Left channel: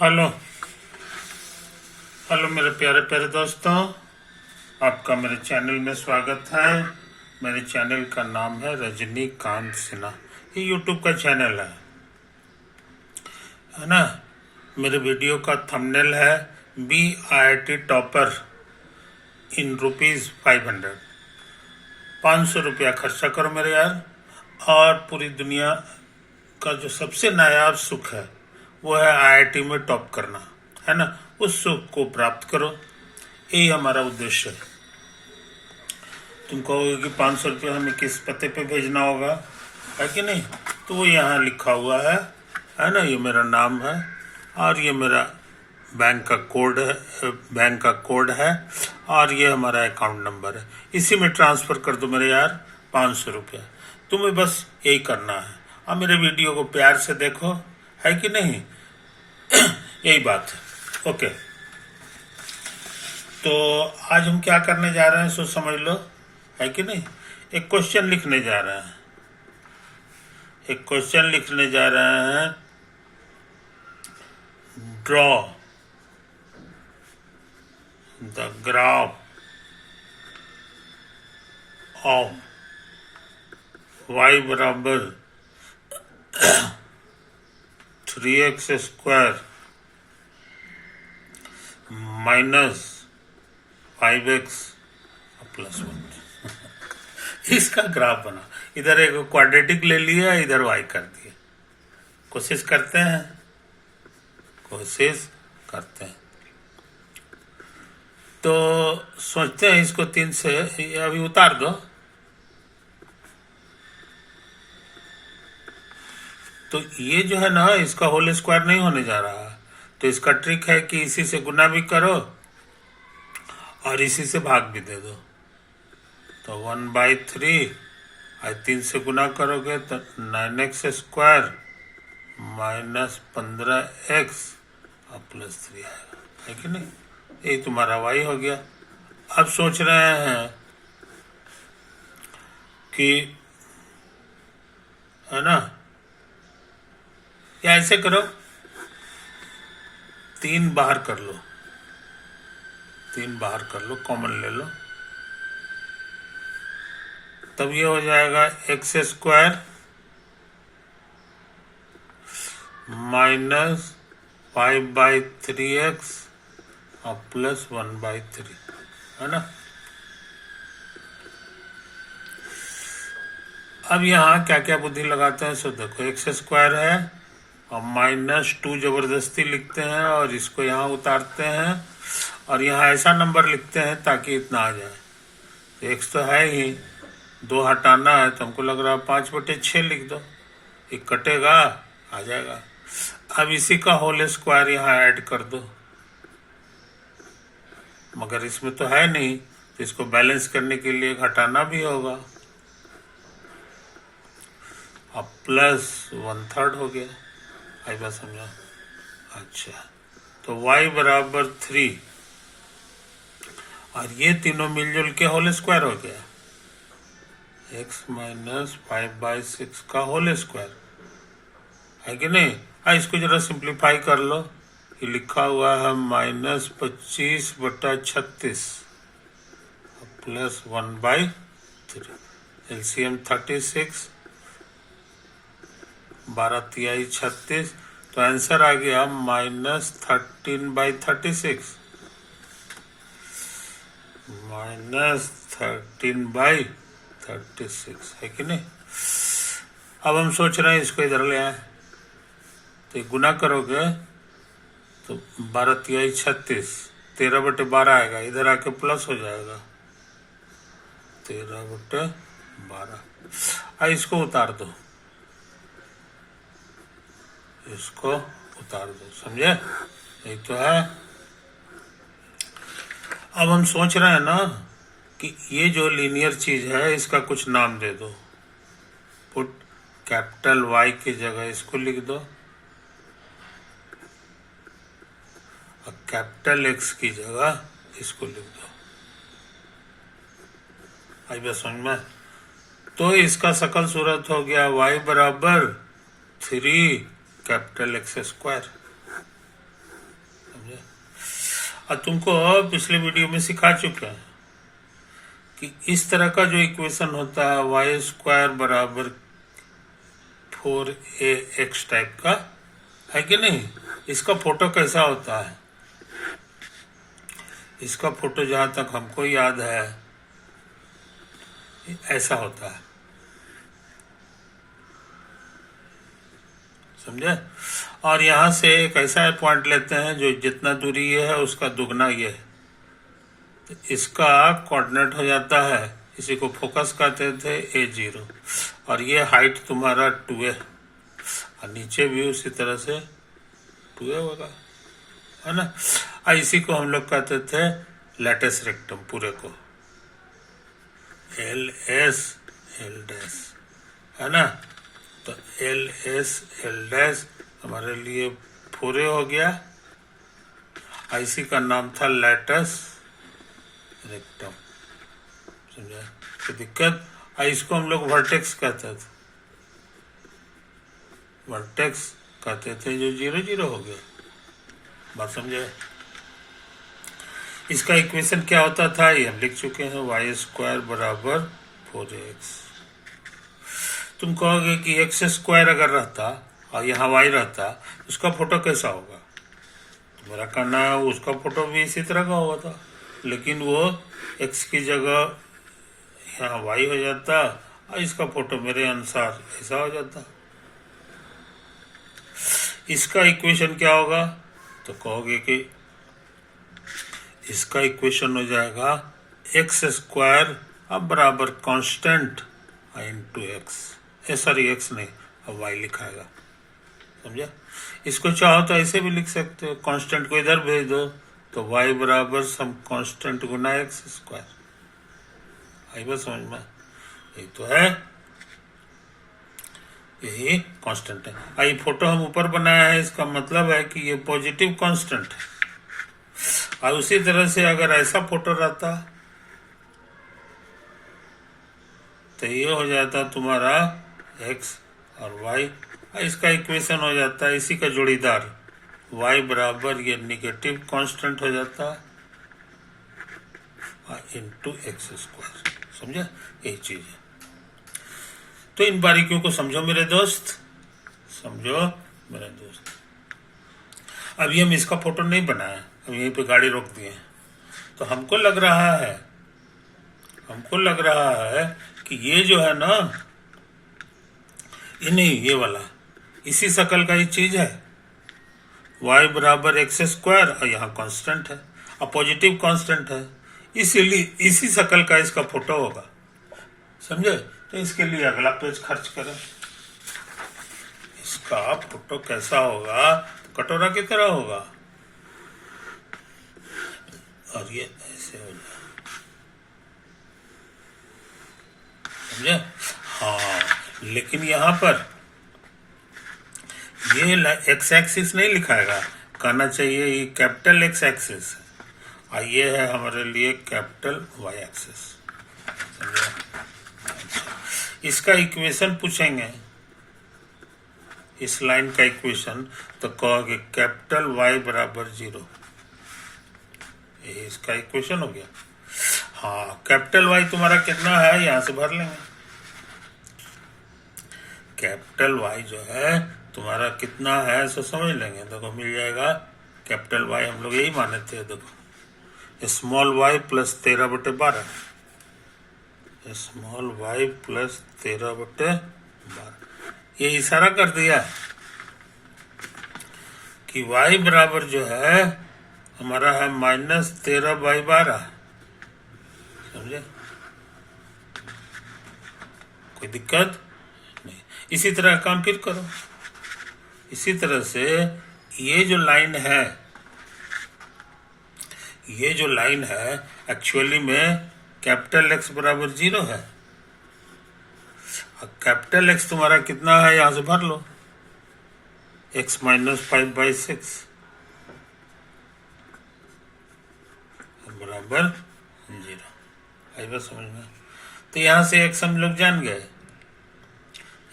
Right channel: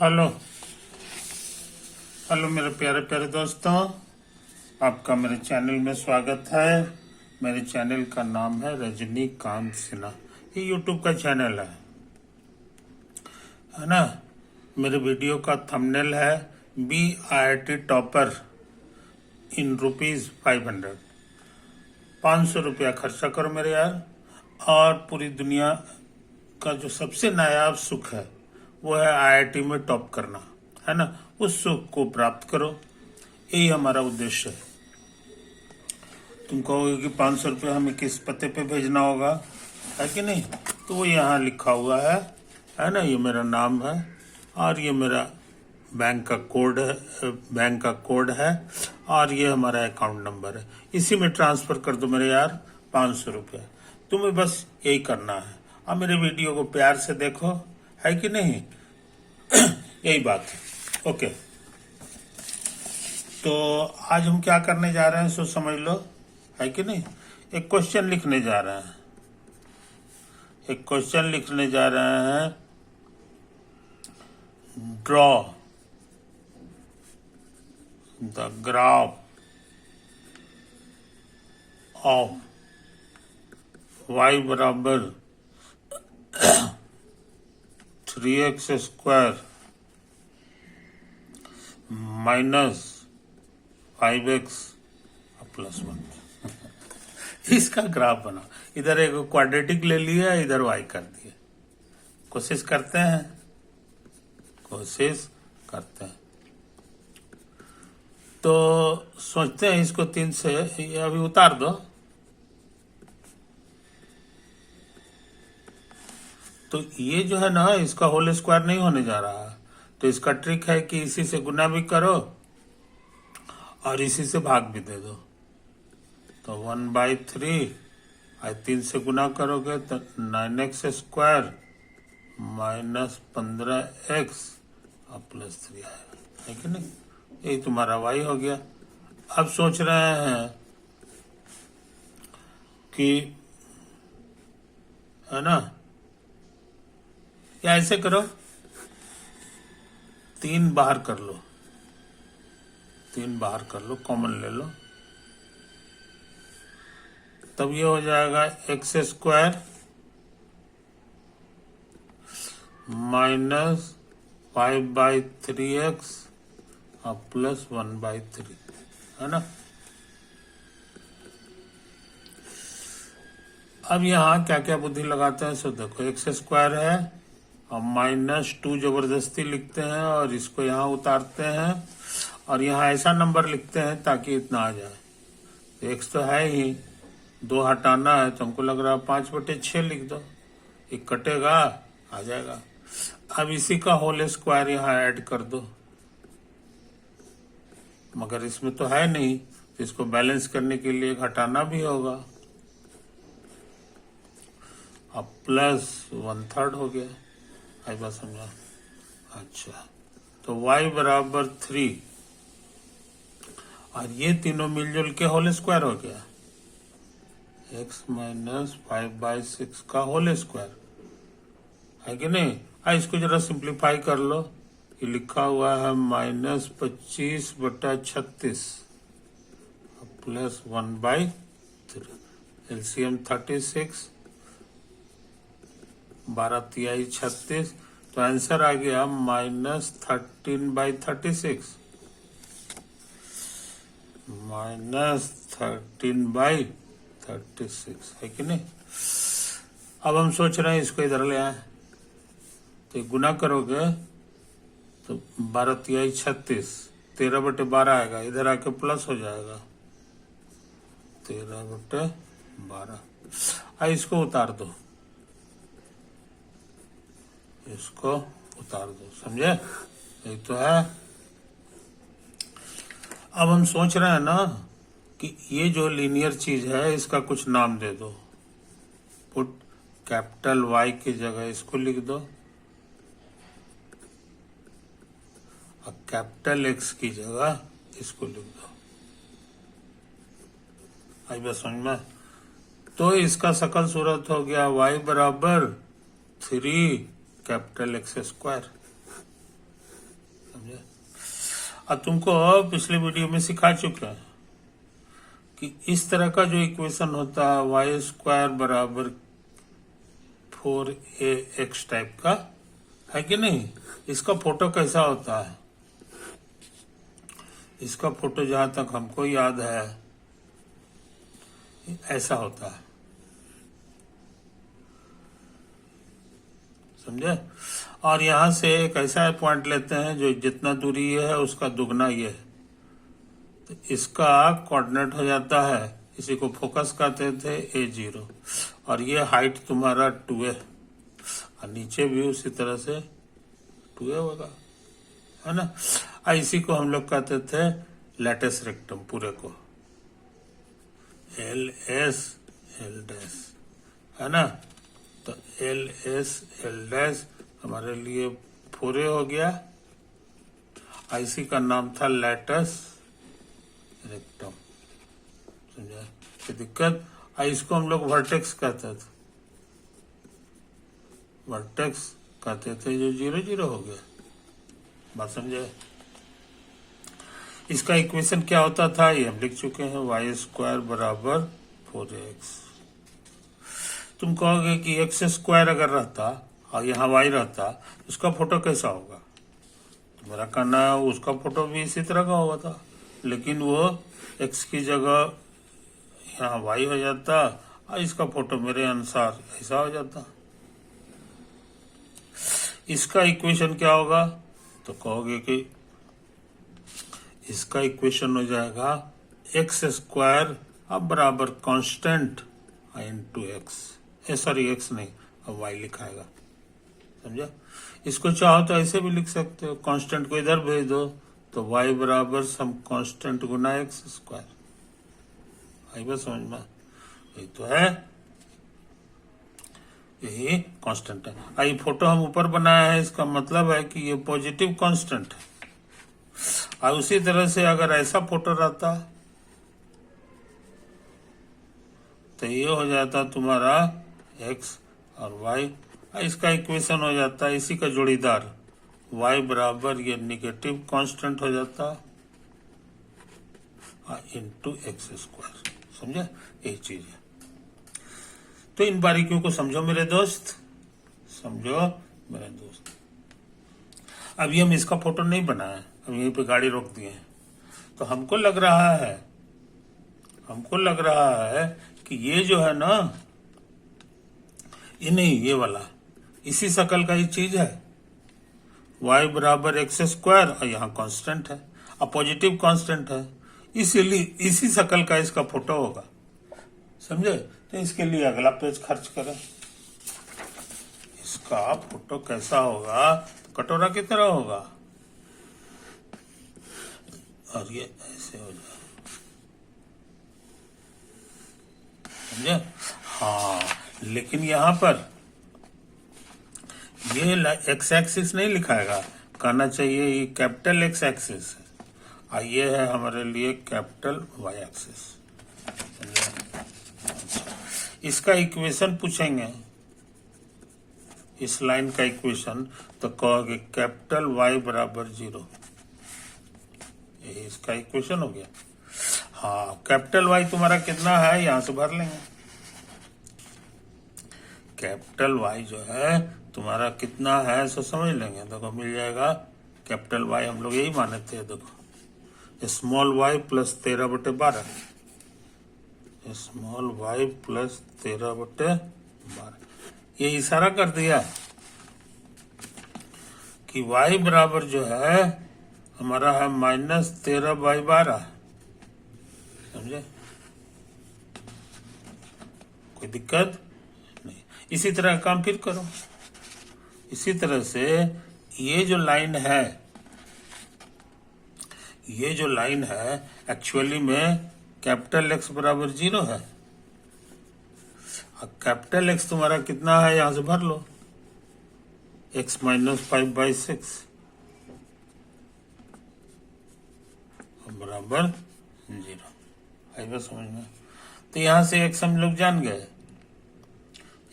Hello hello मेरे प्यारे प्यारे दोस्तों, आपका मेरे चैनल में स्वागत है। मेरे चैनल का नाम है रजनीकांत सिन्हा। ये यूट्यूब का चैनल है ना। मेरे वीडियो का थंबनेल है BIT टॉपर इन ₹500। 500 रुपया खर्चा करो मेरे यार, और पूरी दुनिया का जो सबसे नायाब सुख है वो है IIT में टॉप करना, है ना। उस सुख को प्राप्त करो, यही हमारा उद्देश्य है। तुम कहोगे कि 500 रुपये हमें किस पते पे भेजना होगा, है कि नहीं। तो वो यहाँ लिखा हुआ है ना। ये मेरा नाम है और ये मेरा बैंक का कोड है और ये हमारा अकाउंट नंबर है। इसी में ट्रांसफ़र कर दो मेरे यार 500 रुपया। तुम्हें बस यही करना है और मेरे वीडियो को प्यार से देखो, है कि नहीं। यही बात है। ओके, तो आज हम क्या करने जा रहे हैं सो समझ लो, है कि नहीं। एक क्वेश्चन लिखने जा रहे हैं draw the graph of y बराबर 3x² माइनस 5x + 1। इसका ग्राफ बना। इधर एक क्वाड्रेटिक ले लिया, इधर y कर दिया। कोशिश करते हैं। तो सोचते हैं इसको 3 से अभी उतार दो। तो ये जो है ना, इसका होल स्क्वायर नहीं होने जा रहा है। तो इसका ट्रिक है कि इसी से गुना भी करो और इसी से भाग भी दे दो। तो 1/3 आज 3 से गुना करोगे तो 9x² माइनस 15x और +3 आएगा, है कि नहीं। यही तुम्हारा y हो गया। अब सोच रहे हैं कि, है ना, या ऐसे करो 3 बाहर कर लो, कॉमन ले लो। तब ये हो जाएगा x² माइनस 5/3x और +1/3, है ना। अब यहाँ क्या क्या बुद्धि लगाते हैं सो देखो। x² है और -2 जबरदस्ती लिखते हैं और इसको यहाँ उतारते हैं और यहाँ ऐसा नंबर लिखते हैं ताकि इतना आ जाए। तो x तो है ही, 2 हटाना है तो हमको लग रहा है 5/6 लिख दो, ये कटेगा, आ जाएगा। अब इसी का होल स्क्वायर यहाँ ऐड कर दो, मगर इसमें तो है नहीं, तो इसको बैलेंस करने के लिए घटाना भी होगा। अब +1/3 हो गया। आई बात समझा। अच्छा, तो y बराबर 3 और ये तीनों मिलजुल के होल स्क्वायर हो गया। x माइनस 5/6 का होल स्क्वायर, है कि नहीं। इसको जरा सिंप्लीफाई कर लो। ये लिखा हुआ है -25/36 +1/3। LCM 36, 12 तिहाई 36। तो आंसर आ गया -13/36 -13/36, है कि नहीं। अब हम सोच रहे हैं इसको इधर ले आए, तो गुना करोगे तो 12 तिहाई 36, 13/12 आएगा, इधर आके प्लस हो जाएगा 13/12। इसको उतार दो, समझे। यही तो है। अब हम सोच रहे हैं ना कि ये जो लीनियर चीज है इसका कुछ नाम दे दो। पुट कैपिटल Y की जगह इसको लिख दो और कैपिटल X की जगह इसको लिख दो। आई बात समझ में। तो इसका सकल सूरत हो गया y बराबर 3 कैपिटल X²। समझे। अब तुमको पिछले वीडियो में सिखा चुके हैं कि इस तरह का जो इक्वेशन होता है वाई स्क्वायर बराबर 4ax टाइप का है कि नहीं, इसका फोटो कैसा होता है। इसका फोटो जहां तक हमको याद है ऐसा होता है, समझे। और यहां से एक ऐसा पॉइंट लेते हैं जो जितना दूरी ये है उसका दुगना ये है, तो इसका कोऑर्डिनेट हो जाता है, इसी को फोकस कहते थे A0, और ये हाइट तुम्हारा 2a, और नीचे भी उसी तरह से 2a होगा, है ना। और इसी को हम लोग कहते थे लैटिस रेक्टम, पूरे को LS L' है ना। तो LS L' हमारे लिए 4a हो गया, इसी का नाम था लैटिस रेक्टम, समझा। तो दिक्कत, इसको हम लोग वर्टेक्स कहते थे, वर्टेक्स कहते थे, जो 0 0 हो गया, बात समझे। इसका इक्वेशन क्या होता था ये हम लिख चुके हैं, वाई स्क्वायर बराबर 4x। तुम कहोगे कि एक्स स्क्वायर अगर रहता और यहाँ वाई रहता उसका फोटो कैसा होगा, तो मेरा कहना है उसका फोटो भी इसी तरह का हुआ था, लेकिन वो एक्स की जगह यहाँ वाई हो जाता और इसका फोटो मेरे अनुसार ऐसा हो जाता। इसका इक्वेशन क्या होगा, तो कहोगे कि इसका इक्वेशन हो जाएगा एक्स स्क्वायर अब बराबर constant into x, sorry x नहीं, अब वाई लिखाएगा, समझा। इसको चाहो तो ऐसे भी लिख सकते हो, कांस्टेंट को इधर भेज दो तो वाई बराबर सम कांस्टेंट गुना एक्स स्क्वायर, आई बस समझ में, यही तो है, यही कांस्टेंट है। ये फोटो हम ऊपर बनाया है, इसका मतलब है कि ये पॉजिटिव कांस्टेंट है। और उसी तरह से अगर ऐसा फोटो रहता तो ये हो जाता तुम्हारा x और y, इसका इक्वेशन हो जाता है इसी का जोड़ीदार y बराबर ये निगेटिव कांस्टेंट हो जाता इंटू एक्स स्क्वायर, समझा, यही चीज है। तो इन बारीकियों को समझो मेरे दोस्त, समझो मेरे दोस्त। अभी हम इसका फोटो नहीं बनाया, हम यहीं पे गाड़ी रोक दिए, तो हमको लग रहा है कि ये जो है ना, ये नहीं, ये वाला इसी शकल का ही चीज है, y बराबर एक्स स्क्वायर और यहाँ कांस्टेंट है और पॉजिटिव कांस्टेंट है, इसीलिए इसी शकल का इसका फोटो होगा, समझे। तो इसके लिए अगला पेज खर्च करें। इसका फोटो कैसा होगा, तो कटोरा की तरह होगा और ये ऐसे हो जाए, समझे। हाँ, लेकिन यहाँ पर ये एक्स एक्सिस नहीं लिखाएगा, कहना चाहिए ये कैपिटल एक्स एक्सिस है और ये है हमारे लिए कैपिटल वाई एक्सिस, समझे। अच्छा, इसका इक्वेशन पूछेंगे, इस लाइन का इक्वेशन, तो कहोगे कैपिटल वाई बराबर 0, ये इसका इक्वेशन हो गया। हाँ, कैपिटल वाई तुम्हारा कितना है यहां से भर लेंगे, कैपिटल वाई जो है तुम्हारा कितना है सो समझ लेंगे, देखो मिल जाएगा कैपिटल वाई, हम लोग यही माने थे, देखो small y plus 13/12, small y plus 13/12, ये इशारा कर दिया कि y बराबर जो है हमारा है -13/12, समझे, कोई दिक्कत नहीं। इसी तरह काम फिर करो, इसी तरह से ये जो लाइन है एक्चुअली में कैपिटल एक्स बराबर 0 है, कैपिटल एक्स तुम्हारा कितना है यहां से भर लो, x - 5/6 बराबर 0, आई बात समझ में। तो यहां से x हम लोग जान गए,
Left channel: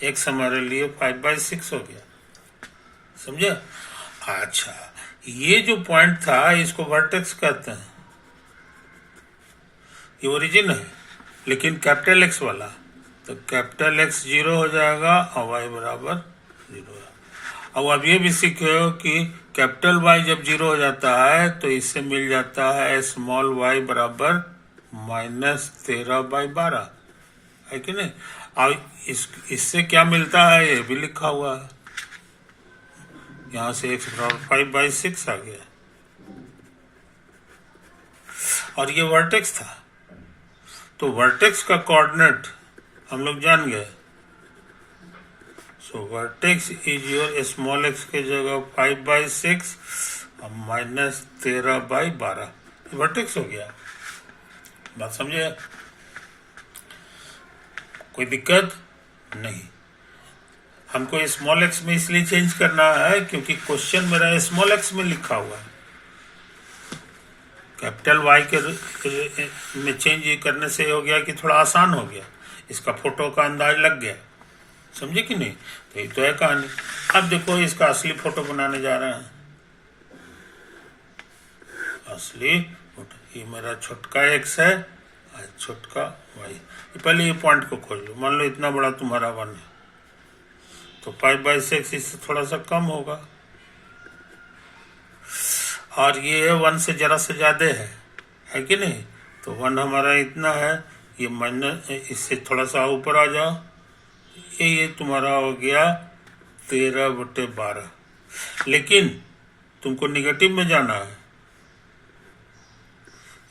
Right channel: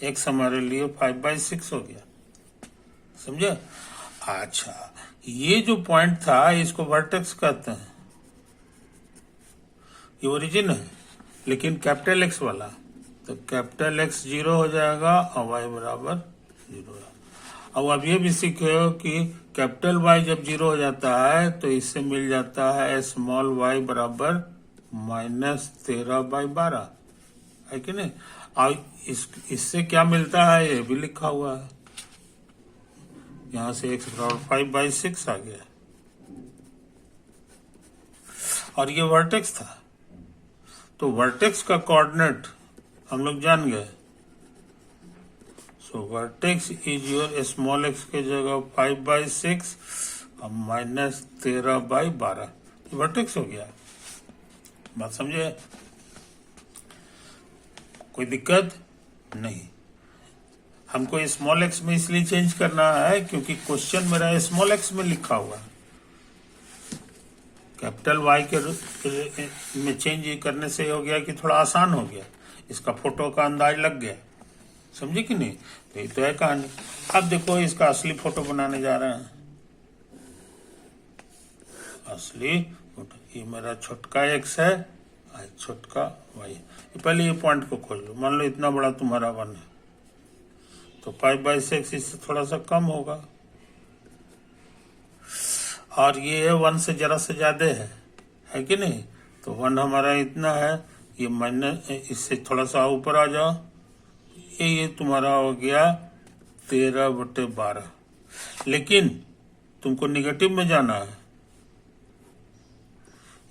x हमारे लिए 5/6 हो गया, समझे। अच्छा, ये जो पॉइंट था इसको वर्टेक्स कहते हैं, ये ओरिजिन है, लेकिन कैपिटल एक्स वाला, तो कैपिटल एक्स 0 हो जाएगा और वाई बराबर 0 है। अब आप ये भी सीखे हो कि कैपिटल वाई जब 0 हो जाता है तो इससे मिल जाता है स्मॉल वाई बराबर -13/12, है कि नहीं। और इससे क्या मिलता है ये भी लिखा हुआ है, यहाँ से x बराबर 5/6 आ गया, और ये वर्टेक्स था। तो वर्टेक्स का कोऑर्डिनेट हम लोग जान गए। So vertex is your small X के जगह 5/6 और -13/12, वर्टेक्स हो गया। बात समझे, कोई दिक्कत नहीं। हमको स्मॉल एक्स में इसलिए चेंज करना है क्योंकि क्वेश्चन मेरा स्मॉल एक्स में लिखा हुआ है, कैपिटल वाई के में चेंज करने से हो गया कि थोड़ा आसान हो गया, इसका फोटो का अंदाज लग गया, समझे कि नहीं। तो ये तो है कहानी। अब देखो इसका असली फोटो बनाने जा रहे हैं, असली फोटो। ये मेरा छोटका एक्स है और छोटका वाई। पहले ये पॉइंट को खोज लो, मान लो इतना बड़ा तुम्हारा 1 है तो 5/6 इससे थोड़ा सा कम होगा, और ये 1 से जरा से ज्यादा है कि नहीं। तो 1 हमारा इतना है, ये माइनस, इससे थोड़ा सा ऊपर आ जाओ, ये तुम्हारा हो गया 13/12, लेकिन तुमको निगेटिव में जाना है,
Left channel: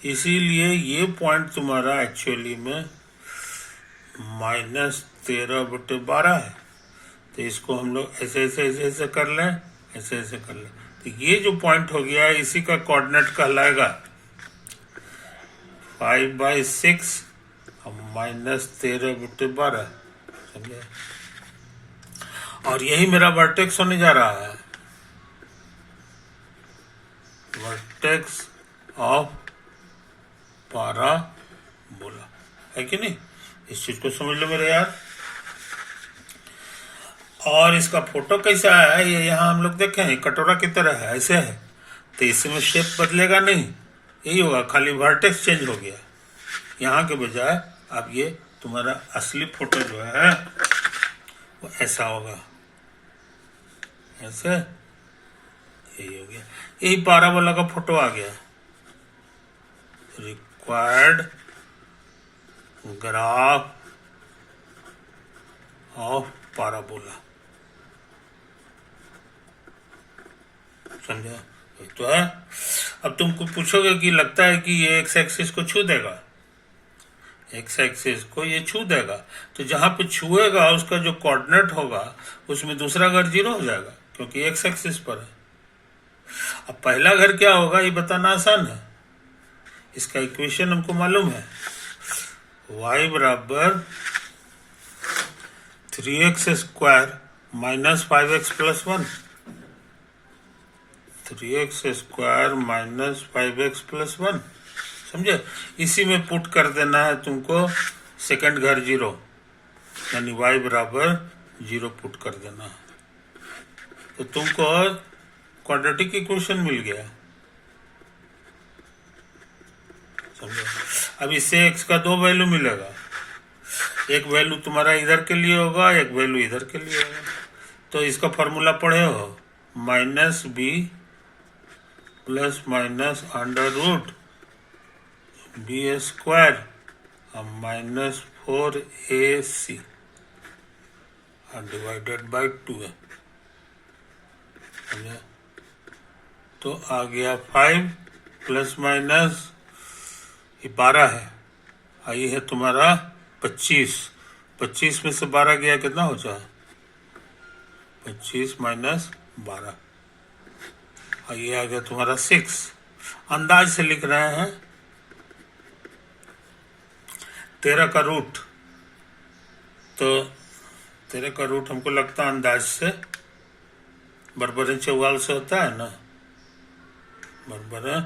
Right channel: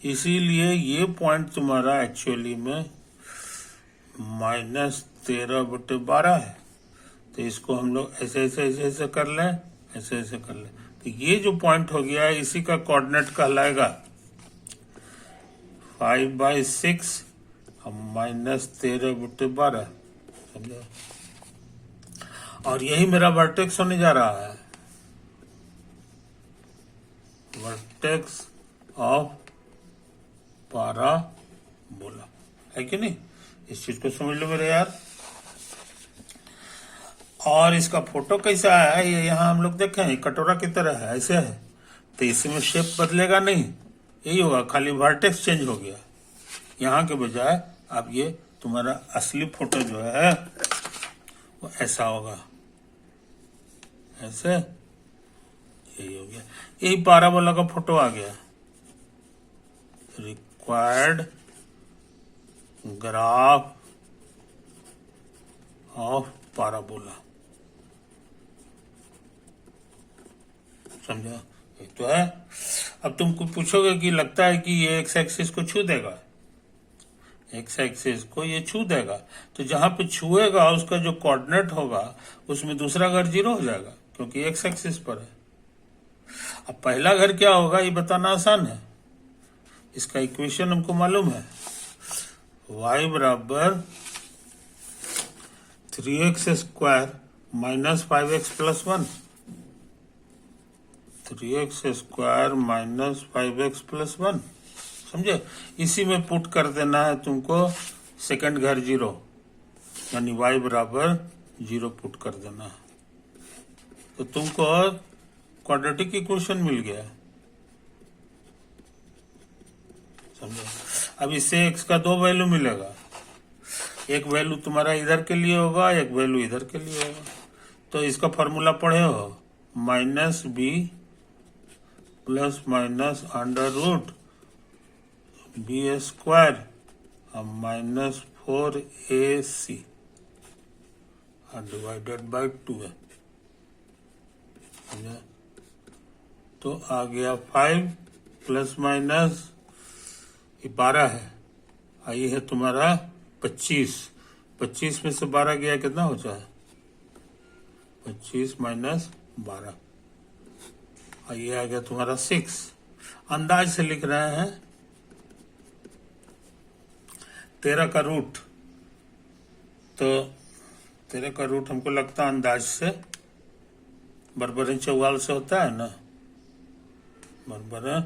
इसीलिए ये पॉइंट तुम्हारा एक्चुअली में -13/12 है। तो इसको हम लोग ऐसे ऐसे ऐसे ऐसे कर लें, ऐसे ऐसे कर लें, तो ये जो पॉइंट हो गया है इसी का कोऑर्डिनेट कहलाएगा 5/6 और -13/12, समझे। और यही मेरा वर्टेक्स होने जा रहा है, वर्टेक्स ऑफ पाराबोला, है कि नहीं। इस चीज को समझ लो मेरे यार। और इसका फोटो कैसा है, ये यहाँ हम लोग देखें कटोरा की तरह है, ऐसे है, तो इसमें शेप बदलेगा नहीं, यही होगा, खाली वर्टेक्स चेंज हो गया। यहाँ के बजाय अब ये तुम्हारा असली फोटो जो है वो ऐसा होगा, ऐसे, यही हो गया, यही पाराबोला का फोटो आ गया। रिक्वायर्ड ग्राफ ऑफ पाराबोला, समझा तो है। अब तुमको पूछोगे कि लगता है कि ये एक्स एक्सिस को छू देगा, एक्स एक्सिस को ये छू देगा, तो जहां पे छुएगा उसका जो कोऑर्डिनेट होगा उसमें दूसरा घर 0 हो जाएगा क्योंकि एक्स एक्सिस पर है। अब पहला घर क्या होगा ये बताना आसान है, इसका इक्वेशन हमको मालूम है, y बराबर 3x square -5x + 1, 3x square -5x + 1, समझे। इसी में पुट कर देना है तुमको सेकंड घर 0, यानी y बराबर 0 पुट कर देना है, तो तुमको क्वाड्रेटिक इक्वेशन मिल गया, समझे। अब इससे x का 2 वैल्यू मिलेगा, एक वैल्यू तुम्हारा इधर के लिए होगा, एक वैल्यू इधर के लिए होगा। तो इसका फॉर्मूला पढ़े हो, -b ± √b² और -4ac डिवाइडेड बाई 2 है, तो आ गया 5 ± ये 12 है, आई है तुम्हारा 25, 25 में से 12 गया कितना हो जाए, 25 - 12, और ये आ गया तुम्हारा 6। अंदाज से लिख रहे हैं, 13 का रूट, तो 13 का रूट हमको लगता है अंदाज से बरबरे चौवाल से होता है ना, बरबरे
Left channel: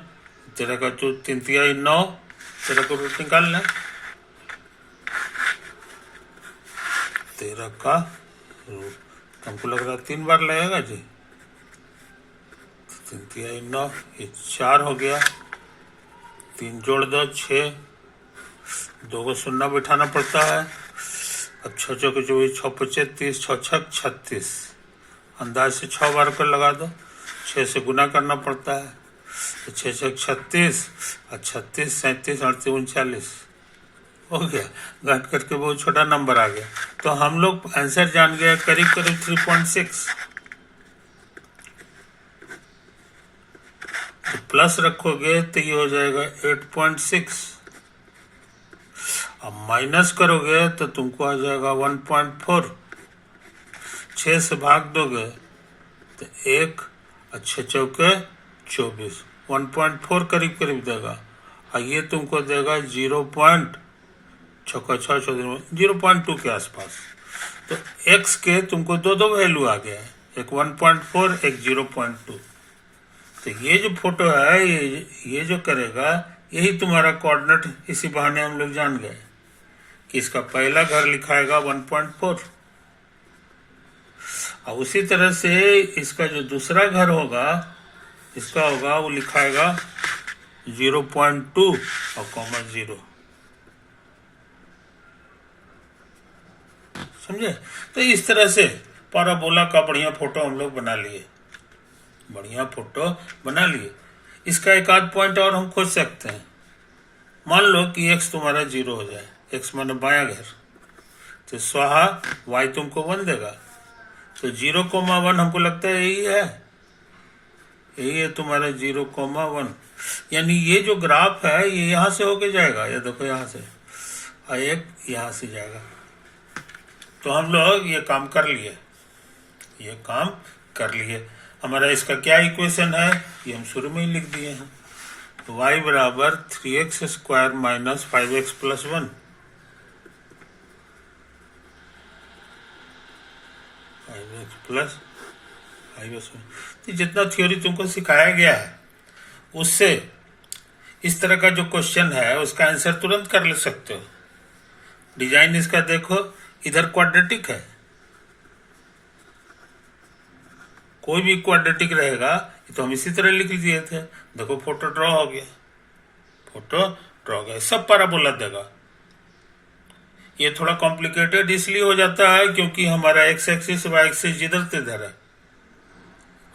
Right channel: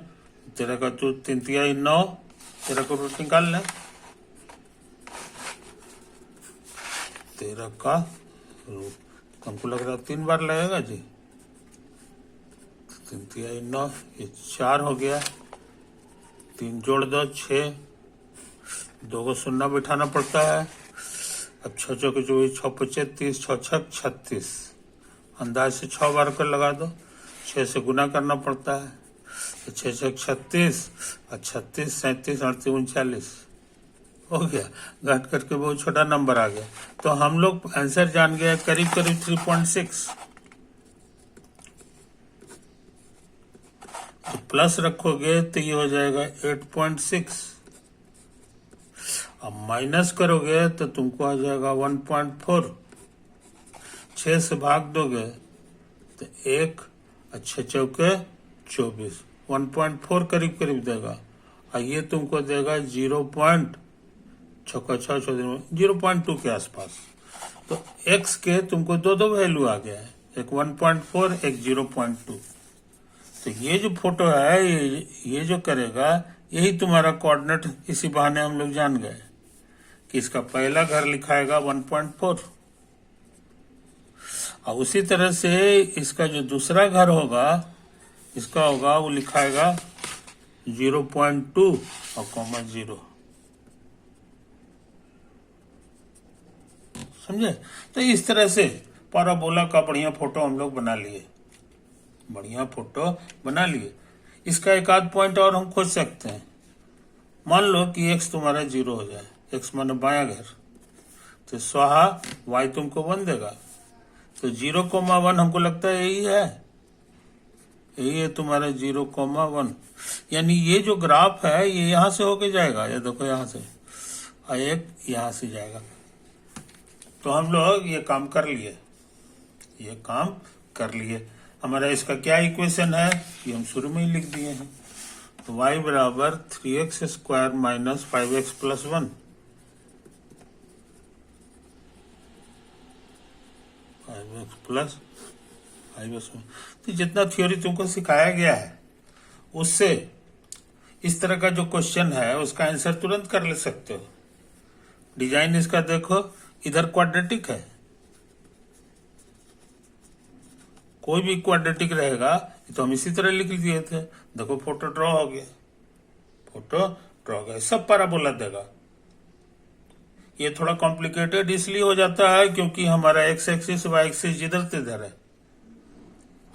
13 का 3 तिहाई 9, 13 का रूट निकाल लें, 13 का रूट हमको लग रहा है 3 बार लगेगा जी, 3 तिहाई 9, ये 4 हो गया, 3 जोड़ दो 6, 2 को शून्य बिठाना पड़ता है। अब 6 चौके 24, 6 पचे 30, 6 छक 36, अंदाज से 6 बार कर लगा दो, 6 से गुना करना पड़ता है, तो 6 छक 36 और 36 37 38 39 हो गया। घट करके बहुत छोटा नंबर आ गया, तो हम लोग आंसर जान गए करीब करीब 3.6। तो प्लस रखोगे तो ये हो जाएगा 8.6, अब माइनस करोगे तो तुमको आ जाएगा 1.4, 6 से भाग दोगे तो 1 और 6 चौके 24, 1.4 करीब करीब देगा, और ये तुमको देगा 0.2 के आसपास। तो x के तुमको दो वैल्यू आ गया है, एक 1.4 एक 0.2। तो ये जो फोटो है ये जो करेगा यही तुम्हारा कोऑर्डिनेट। इसी बहाने हम लोग जान गए कि इसका पहला घर लिखाएगा 1.4, और उसी तरह से इसका जो दूसरा घर होगा इसका होगा वो लिखाएगा 0.2 और कॉमा 0। समझे? तो इस तरह से पैराबोला का बढ़िया फोटो हम लोग बना लिए, बढ़िया फोटो बना लिए। इसका एक आध पॉइंट और हम खोज सकते हैं। मान लो कि x तुम्हारा 0 हो जाए, x माने बायां घर, तो स्वाहा y तुमको 1 देगा, तो 0,1 हमको लगता है यही है तुम्हारा 0,1। यानी ये जो ग्राफ है ये यहाँ से होके जाएगा, ये देखो यहाँ से, और एक यहाँ से जाएगा। तो हम लोग ये काम कर लिए, हमारा इसका क्या इक्वेशन है ये हम शुरू में ही लिख दिए हैं। y बराबर 3x square minus 5x plus 1, तो जितना थ्योरी तुमको सिखाया गया है उससे इस तरह का जो क्वेश्चन है उसका आंसर तुरंत कर ले सकते हो। डिजाइन इसका देखो, इधर क्वाड्रेटिक है, कोई भी क्वाड्रेटिक रहेगा तो हम इसी तरह लिख दिए थे। देखो फोटो ड्रॉ हो गया, सब पैराबोला देगा। ये थोड़ा कॉम्प्लिकेटेड इसलिए हो जाता है क्योंकि हमारा एक्स एक्सिस वाई एक्सिस जिधर तिधर है।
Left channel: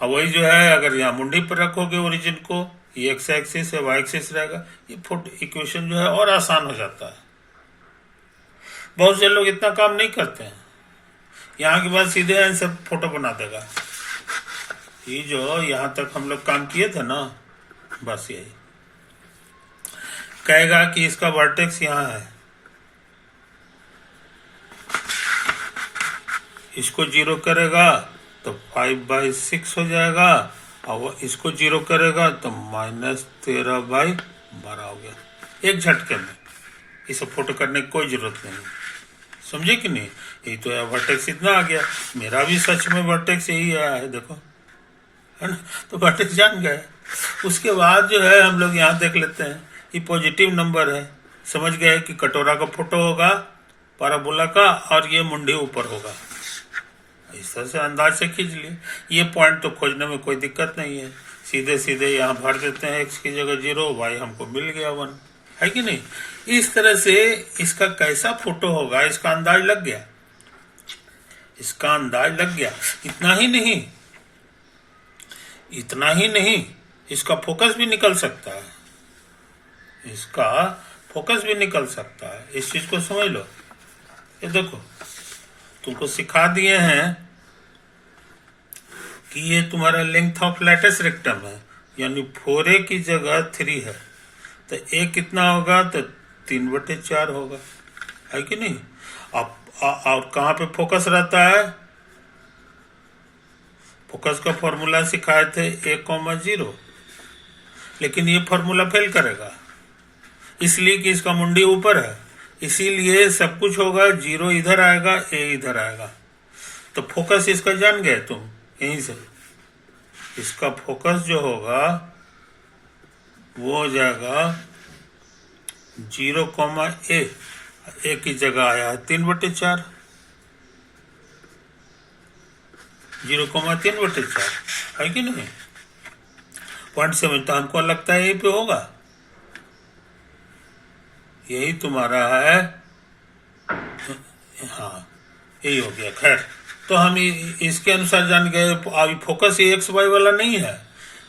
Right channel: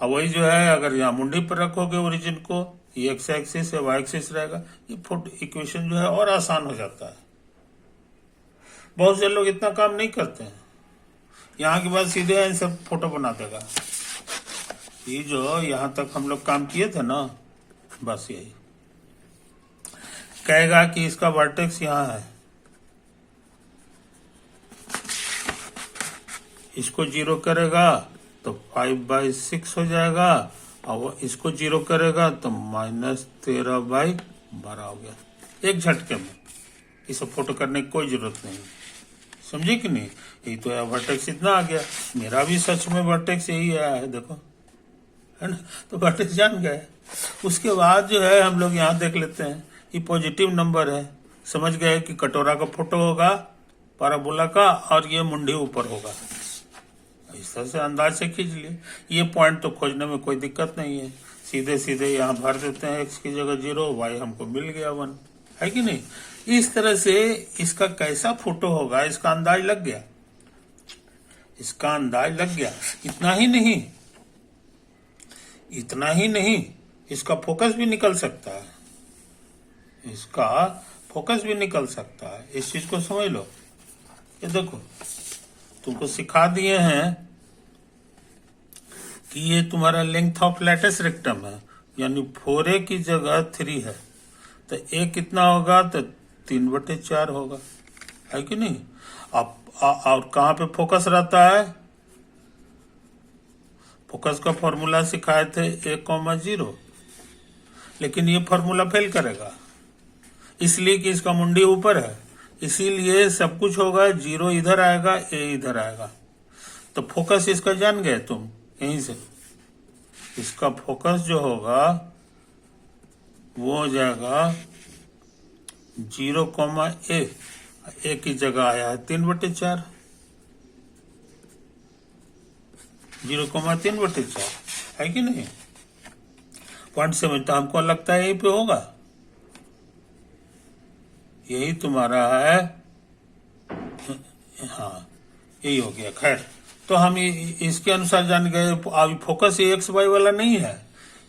अब वही जो है अगर यहाँ मुंडी पर रखोगे ओरिजिन को, ये एक्स एक्सिस है वाई एक्सिस रहेगा, ये फोटो इक्वेशन जो है और आसान हो जाता है। बहुत से लोग इतना काम नहीं करते हैं, यहाँ के बाद सीधे आंसर फोटो बना देगा। ये जो यहाँ तक हम लोग काम किए थे ना, बस यही कहेगा कि इसका वर्टेक्स यहाँ है, इसको 0 करेगा तो 5/6 हो जाएगा, और इसको 0 करेगा तो -13/12 हो गया। एक झटके में इसे फोटो करने की कोई जरूरत नहीं, समझे कि नहीं? ये तो वर्टेक्स इतना आ गया, मेरा भी सच में वर्टेक्स यही आया है, देखो है ना, तो वर्टेक्स जान गए। उसके बाद जो है हम लोग यहाँ देख लेते हैं, ये पॉजिटिव नंबर है, समझ गए कि कटोरा का फोटो होगा पैराबोला का और ये मुंडी ऊपर होगा। इस तरह से अंदाज से खींच लिए। ये पॉइंट तो खोजने में कोई दिक्कत नहीं है, सीधे सीधे यहाँ भर देते हैं, x की जगह 0, y हमको मिल गया 1, है कि नहीं? इस तरह से इसका कैसा फोटो होगा इसका अंदाज लग गया, इतना ही नहीं, इसका फोकस भी निकल सकता है, इस चीज को समझ लो। ये देखो तुमको सिखा दिए हैं कि ये तुम्हारा लेंथ ऑफ लैटिस रेक्टम है, यानी 4a की जगह 3 है, तो a कितना होगा तो 3/4 होगा, है कि नहीं? अब और कहाँ पे फोकस रहता है? फोकस का फॉर्मूला सिखाए थे a,0, लेकिन ये फॉर्मूला फेल करेगा इसलिए कि इसका मुंडी ऊपर है, इसीलिए सब कुछ होगा 0 इधर आएगा, a इधर आएगा। तो फोकस इसका जान गए तुम यहीं से, इसका फोकस जो होगा वो हो जाएगा 0,a, a की जगह आया है 3/4, 0,3/4, है कि नहीं? 0.7 तो हमको लगता है यही पे होगा, यही तुम्हारा है, हाँ यही हो गया। खैर, तो हम इसके अनुसार जान गए। अभी फोकस ये एक्स वाई वाला नहीं है,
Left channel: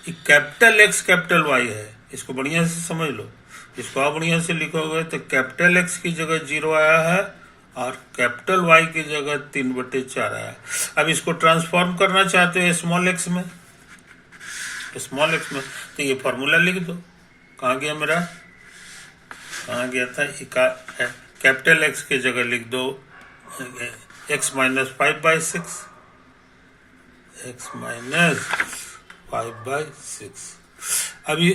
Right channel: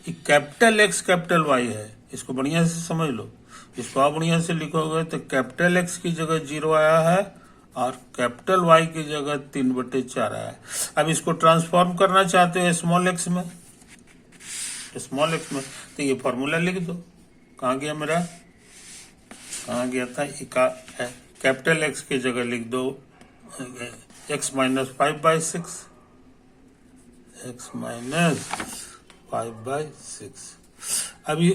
ये कैपिटल एक्स कैपिटल वाई है। इसको बढ़िया से समझ लो, इसको आप बढ़िया से लिखोगे तो कैपिटल एक्स की जगह 0 आया है और कैपिटल वाई की जगह 3/4 आया है। अब इसको ट्रांसफॉर्म करना चाहते हो स्मॉल एक्स में, तो ये फॉर्मूला लिख दो। कहाँ गया मेरा, कहाँ गया था, कैपिटल एक्स की जगह लिख दो x माइनस 5/6, x माइनस 5/6। अभी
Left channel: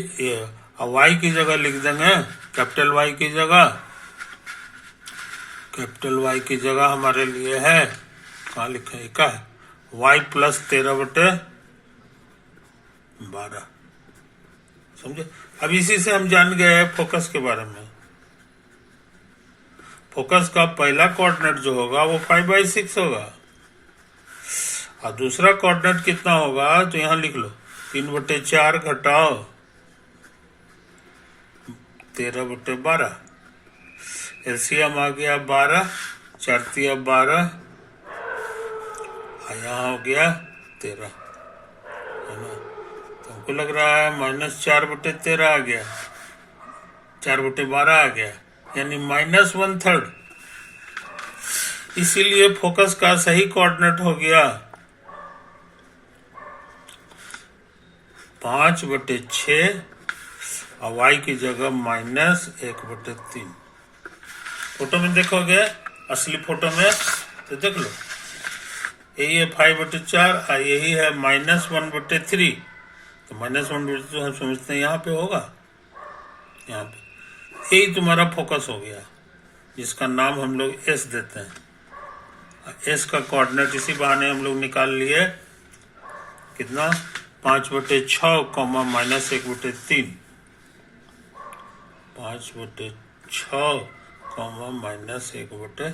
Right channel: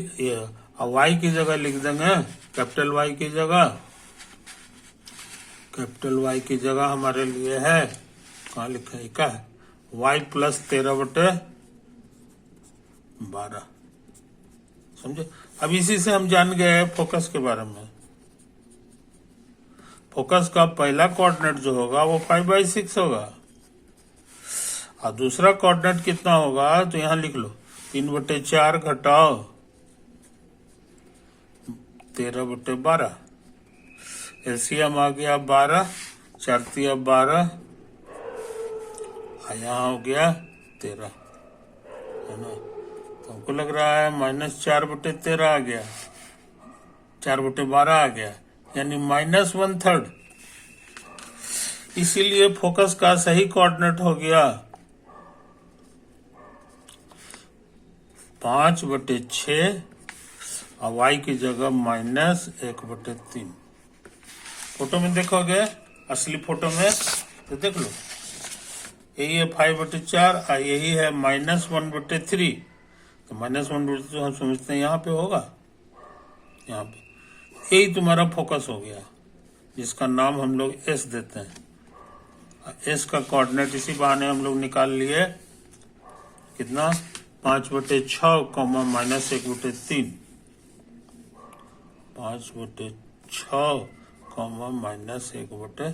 y की जगह लिख देंगे, कैपिटल y की जगह हमारे लिए है, कहाँ लिखा है, क्या है, y प्लस 13/12। समझे। अब इसी से हम जान गए फोकस के बारे में। फोकस का पहला कोऑर्डिनेट जो होगा वो 5/6 होगा और दूसरा कोऑर्डिनेट कितना होगा, तो यहां लिख लो 3/4 घटाओ 13/12। एलसीएम आ गया 12, 4 तिया 12, यहाँ हो गया 13, है ना। तो हमको लग रहा है -4/13 आ गया, 4/12 आ गया, यानी -1/3। इसीलिए फोकस का सही कोऑर्डिनेट हो गया 5/6 और y की जगह -1/3। फोटो में देखोगे, असली फोटो में तो देख लो, यही है 5/4 और यही है -1/3। तो -1/3 हम समझते हैं यहाँ पे होगा, यहाँ पे यही तुम्हारा फोकस हो गया, जिसका नाम हम लोग एस देते हैं। एस का कोऑर्डिनेट इसी बहाने हम लोग निकाल लिए, कितना, 5/6 -1/3, 5/6 -1/3।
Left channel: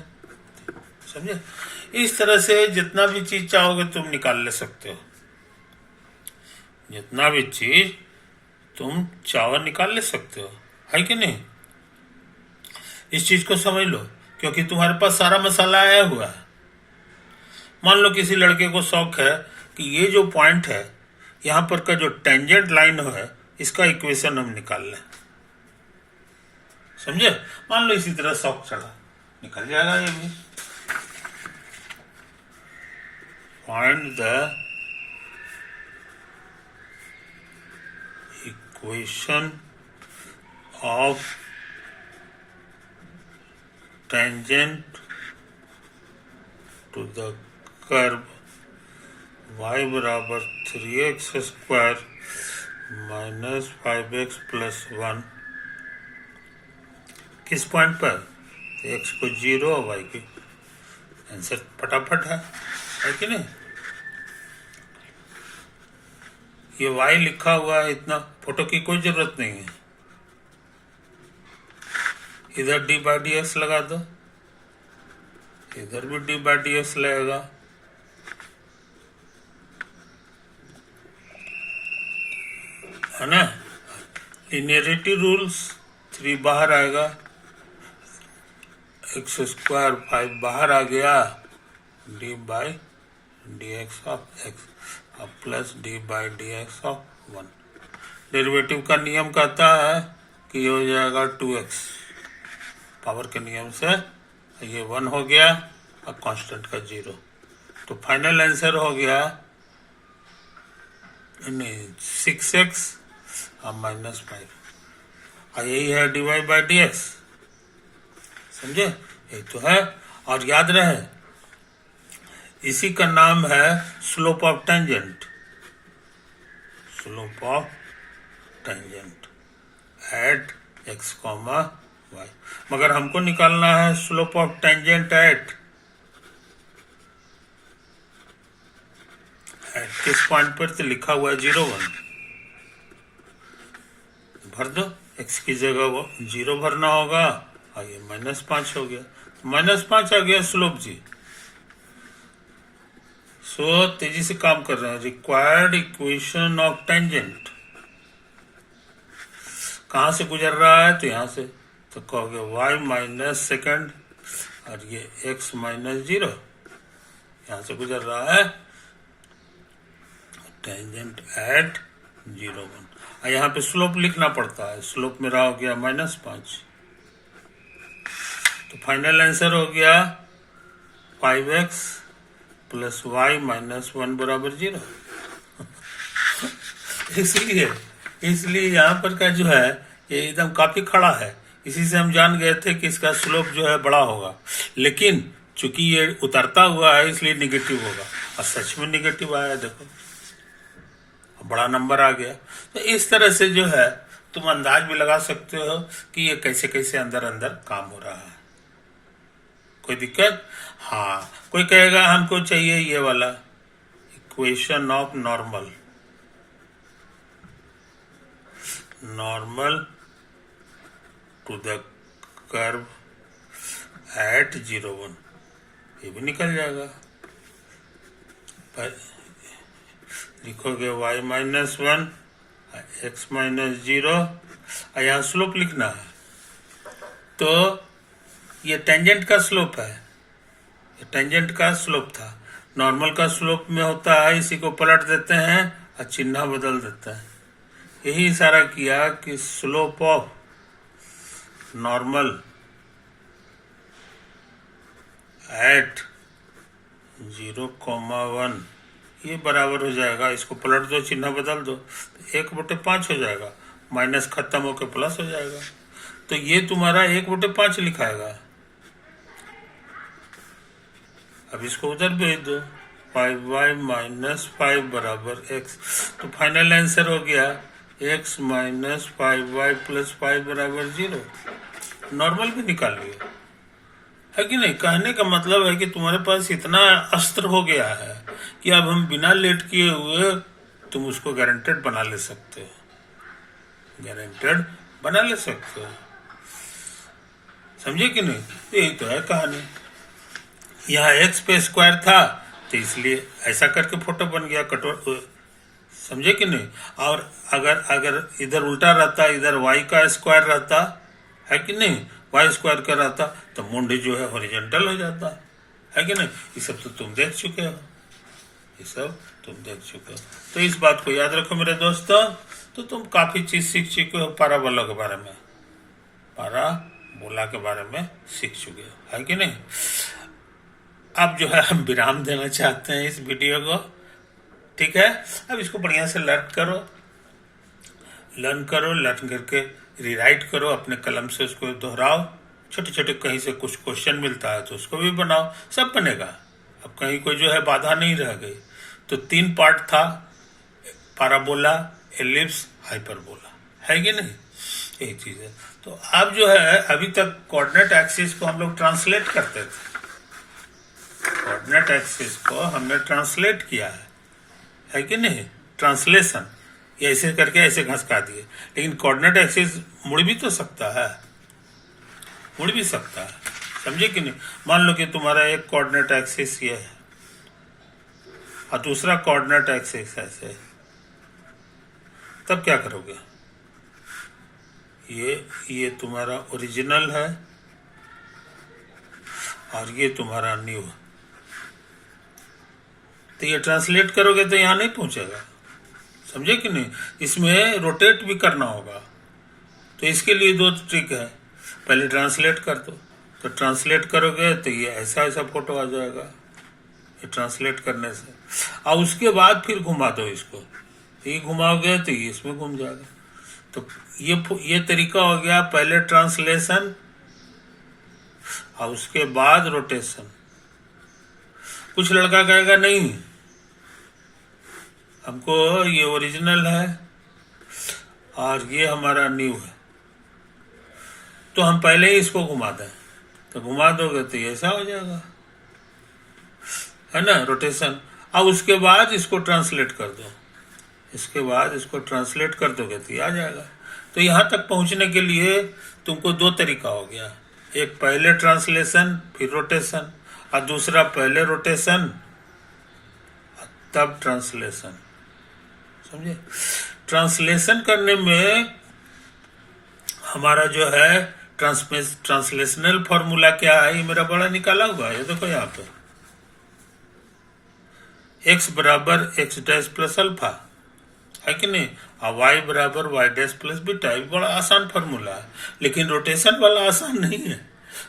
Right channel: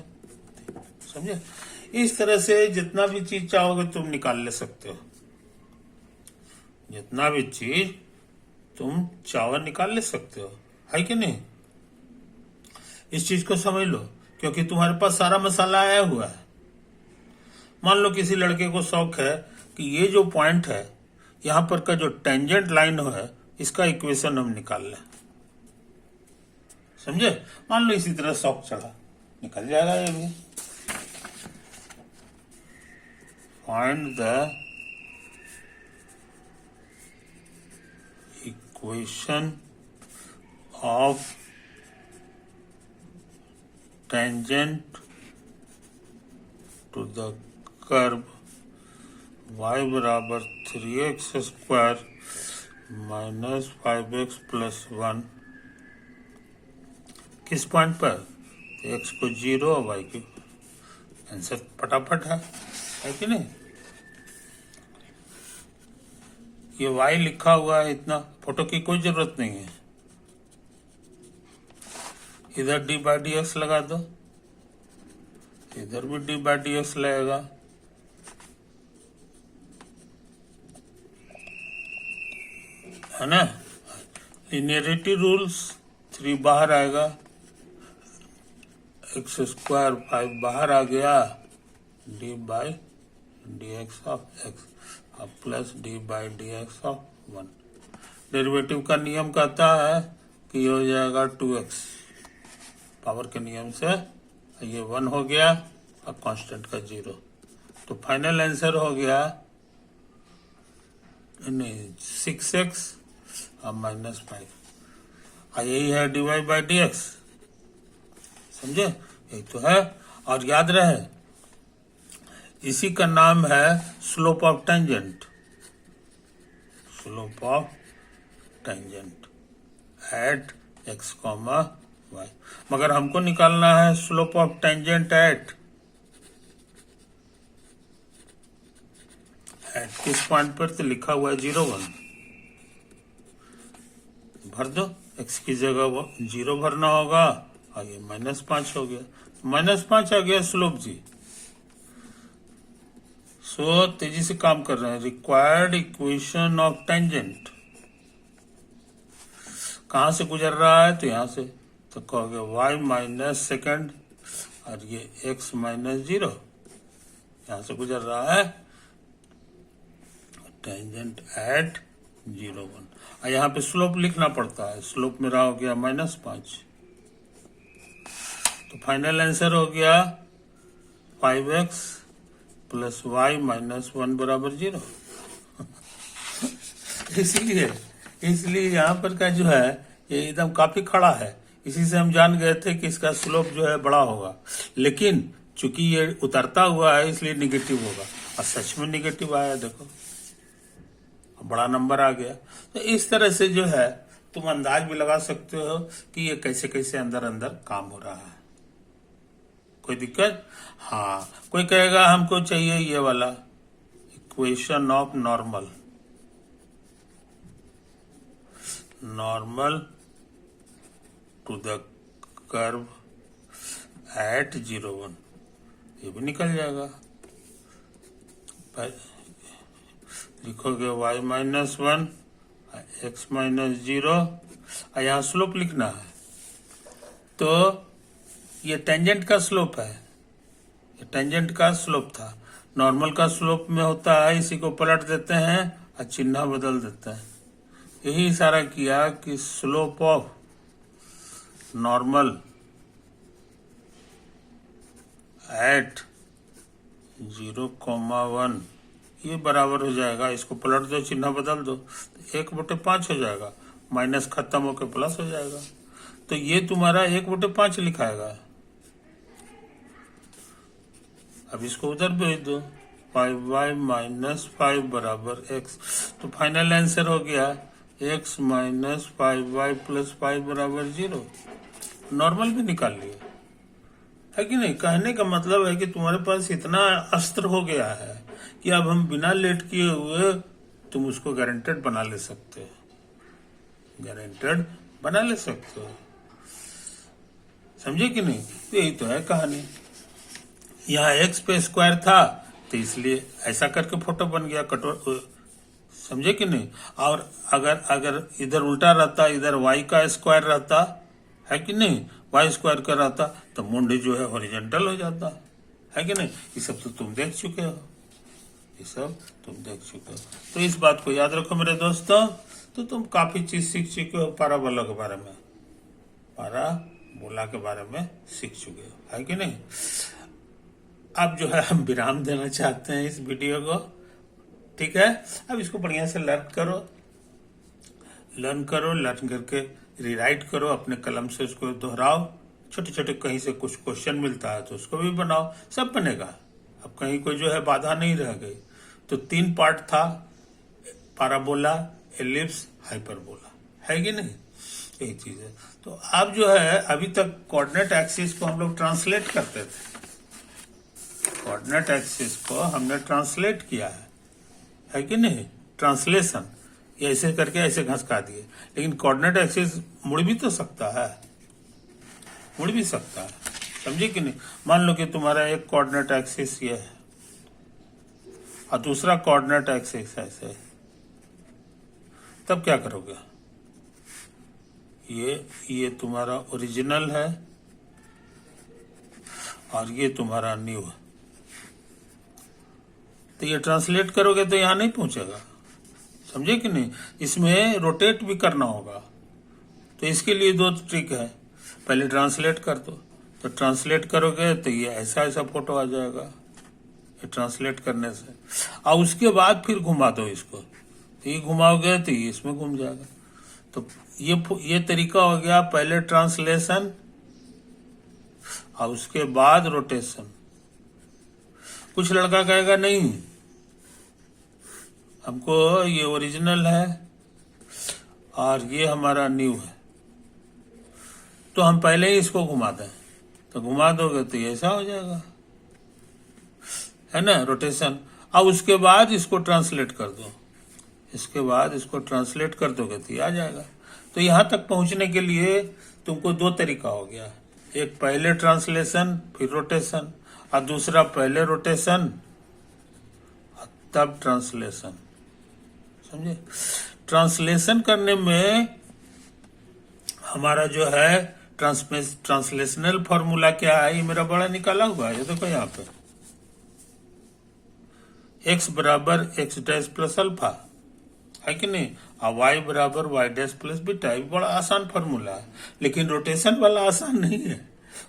समझे। इस तरह से जितना भी चीज चाहोगे तुम निकाल ले सकते हो, जितना भी चीज तुम चाहो निकाल ले सकते हो, है कि नहीं। इस चीज को समझ लो, क्योंकि तुम्हारे पास सारा मसाला आया हुआ है। मान लो किसी लड़के को शौक है कि ये जो पॉइंट है यहां पर का जो टेंजेंट लाइन है इसका इक्वेशन हम निकाल लें, समझे। मान लो इसी तरह शौक चढ़ा, निकल जाएगा ये भी। Find the equation of tangent to the curve y बराबर 3x² माइनस 5x प्लस 1 किस पॉइंट पर, तो x को 0 और y की, आंसर फटाफट है कि नहीं। ये y लिखा हुआ है, इतना फोटो की कोई जरूरत नहीं है। इधर d/dx लगा दो, इधर भी d/dx लगेगा, है ना। लिनियरिटी रूल्स, 3 बाहर आएगा, x² 5 बाहर आ गया, d/dx ऑफ x और प्लस d/dx ऑफ 1। डेरिवेटिव का नियम कहता है कि ये हो जाएगा 2x, पावर के नियम से ये 1 हो गया और कांस्टेंट का 0। तो फाइनल आंसर हो गया 6x और -5, और यही है dy/dx। समझे, यही तो है। और याद रहे, इसी का नाम है slope of tangent, slope of tangent at x, y। मगर हमको निकालना है स्लोप ऑफ टेंजेंट एट किस पॉइंट पर, तो लिखा हुआ है 0, 1। भर दो, x की जगह 0 भरना होगा और ये -5 हो गया, -5 आ गया स्लोप जी। सो तेजी से काम कर रहे हैं। रिक्वायर्ड इक्वेशन ऑफ टेंजेंट, कहाँ से गुजर रहा है, तो यहाँ से, तो कहोगे y माइनस सेकेंड और ये x माइनस 0 यहाँ से गुजर रहा है, टेंजेंट एट 0 1। और यहाँ पे स्लोप लिखना पड़ता है, स्लोप मेरा हो गया -5। तो फाइनल आंसर हो गया 5x प्लस y माइनस 1 बराबर 0। इसलिए यहाँ पर का जो है ये एकदम काफी खड़ा है। इसी से हम जान गए थे कि इसका स्लोप जो है बड़ा होगा, लेकिन चूंकि ये उतरता हुआ है इसलिए निगेटिव होगा, और सच में निगेटिव आया, देखो बड़ा नंबर आ गया। तो इस तरह से जो है तुम अंदाज भी लगा सकते हो कि ये कैसे कैसे अंदर अंदर काम हो रहा है। कोई दिक्कत? हाँ, कोई कहेगा हमको चाहिए ये वाला equation of normal to the curve at 0 1, ये भी निकल जाएगा। लिखोगे y माइनस 1 x माइनस 0 और यहाँ स्लोप लिखना है। तो ये टेंजेंट का स्लोप है, ये टेंजेंट का स्लोप था। नॉर्मल का स्लोप में होता है, इसी को पलट देते हैं और चिन्ह बदल देते हैं। यही इशारा किया कि स्लोप ऑफ नॉर्मल एट 0,1 ये बराबर हो जाएगा, इसको पलट दो, चिन्ह बदल दो, 1/5 हो जाएगा, माइनस खत्म होकर प्लस हो जाएगा। तो ये तुम्हारा 1/5 लिखाएगा। अब इसको उधर भेज दो, 5y माइनस 5 बराबर x। तो फाइनल आंसर हो गया x माइनस 5y प्लस 5 बराबर 0। नॉर्मल भी निकाल लियो, है कि नहीं? कहने का मतलब है कि तुम्हारे पास इतना अस्त्र हो गया है कि अब हम बिना लेट किए हुए तुम उसको गारंटेड बना ले सकते हो, गारंटेड बना ले सकते हो। समझे कि नहीं? यही तो है कहानी। यहाँ x पे स्क्वायर था तो इसलिए ऐसा करके फोटो बन गया कटोर, समझे कि नहीं? और अगर इधर उल्टा रहता, इधर y का स्क्वायर रहता, है कि नहीं, y स्क्वायर का रहता, तो मुंड जो है हॉरिजॉन्टल हो जाता, है कि नहीं? ये सब तो तुम देख चुके हो, ये सब तुम देख चुके हो। तो इस बात को याद रखो मेरे दोस्तों। तो तुम काफी चीज सीख चुके हो, पाराबोला के बारे में, पाराबोला के बारे में सीख चुके हो, है कि नहीं? अब जो है हम विराम देना चाहते हैं इस वीडियो को, ठीक है? अब इसको बढ़िया से लर्न करके रिराइट करो, अपने कलम से उसको दोहराओ, छोटे छोटे कहीं से कुछ क्वेश्चन मिलता है तो उसको भी बनाओ, सब बनेगा। अब कहीं कोई जो है बाधा नहीं रह गई। तो 3 पार्ट था, पाराबोला, एलिप्स, हाइपरबोला, है कि नहीं? यही चीज है। तो अब जो है अभी तक कोऑर्डिनेट एक्सिस को हम लोग ट्रांसलेट करते थे, कोऑर्डिनेट एक्सिस को हमने ट्रांसलेट किया है कि नहीं? ट्रांसलेशन, ये ऐसे करके ऐसे घसका दिए, लेकिन कोऑर्डिनेट एक्सिस मुड़ भी तो सकता है, मुड़ भी सकता है, समझे कि नहीं? मान लो कि तुम्हारा एक कोऑर्डिनेट एक्सिस ये है और दूसरा कोऑर्डिनेट एक्सिस ऐसे, तब क्या करोगे? ये तुम्हारा ओरिजिनल है और ये तुम्हारा न्यू है। तो ये ट्रांसलेट करोगे तो यहाँ नहीं पहुंचेगा, समझे कि नहीं? इसमें रोटेट भी करना होगा। तो इसके लिए 2 ट्रिक है, पहले ट्रांसलेट कर दो, तो ट्रांसलेट करोगे तो ये ऐसा ऐसा फोटो आ जाएगा, ये ट्रांसलेट करने से। और उसके बाद फिर घुमा दो इसको, ये घुमाओगे तो ये इसमें घूम जाएगा। तो ये तरीका हो गया, पहले ट्रांसलेशन और उसके बाद रोटेशन। कुछ लड़का कहेगा नहीं, हमको ये ओरिजिनल है और ये हमारा न्यू है, तो हम पहले ही इसको घुमा दें। तो घुमा दोगे तो ये ऐसा हो जाएगा, है ना, रोटेशन। अब उसके बाद इसको ट्रांसलेट कर दो, इसके बाद इसको ट्रांसलेट कर दोगे तो ये आ जाएगा। तो यहाँ तक पहुँचने के लिए तुमको 2 तरीका हो गया, एक पहले ट्रांसलेशन फिर रोटेशन, और दूसरा पहले रोटेशन तब ट्रांसलेशन, समझे? ट्रांसलेशन करने में हमारा जो है ट्रांसलेशनल फॉर्मूला क्या है, ये मेरा बड़ा निकाला हुआ है, ये देखो यहाँ पे x बराबर x डैश प्लस अल्फा है कि नहीं, और y बराबर y डैश प्लस बीटा। ये बड़ा आसान फॉर्मूला है, लेकिन रोटेशन वाला आसान नहीं है।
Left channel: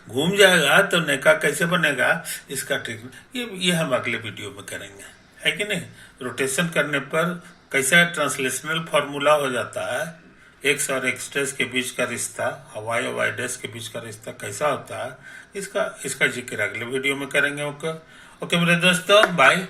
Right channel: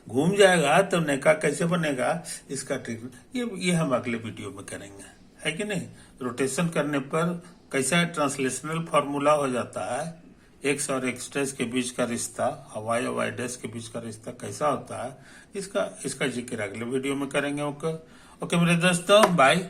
घूम जाएगा तो नेका कैसे बनेगा, इसका ट्रिक ये हम अगले वीडियो में करेंगे, है कि नहीं। रोटेशन करने पर कैसा ट्रांसलेशनल फॉर्मूला हो जाता है, एक्स और एक्स डैश के बीच का रिश्ता और वाई डैश के बीच का रिश्ता कैसा होता है, इसका जिक्र अगले वीडियो में करेंगे। ओके मेरे दोस्तों, बाय।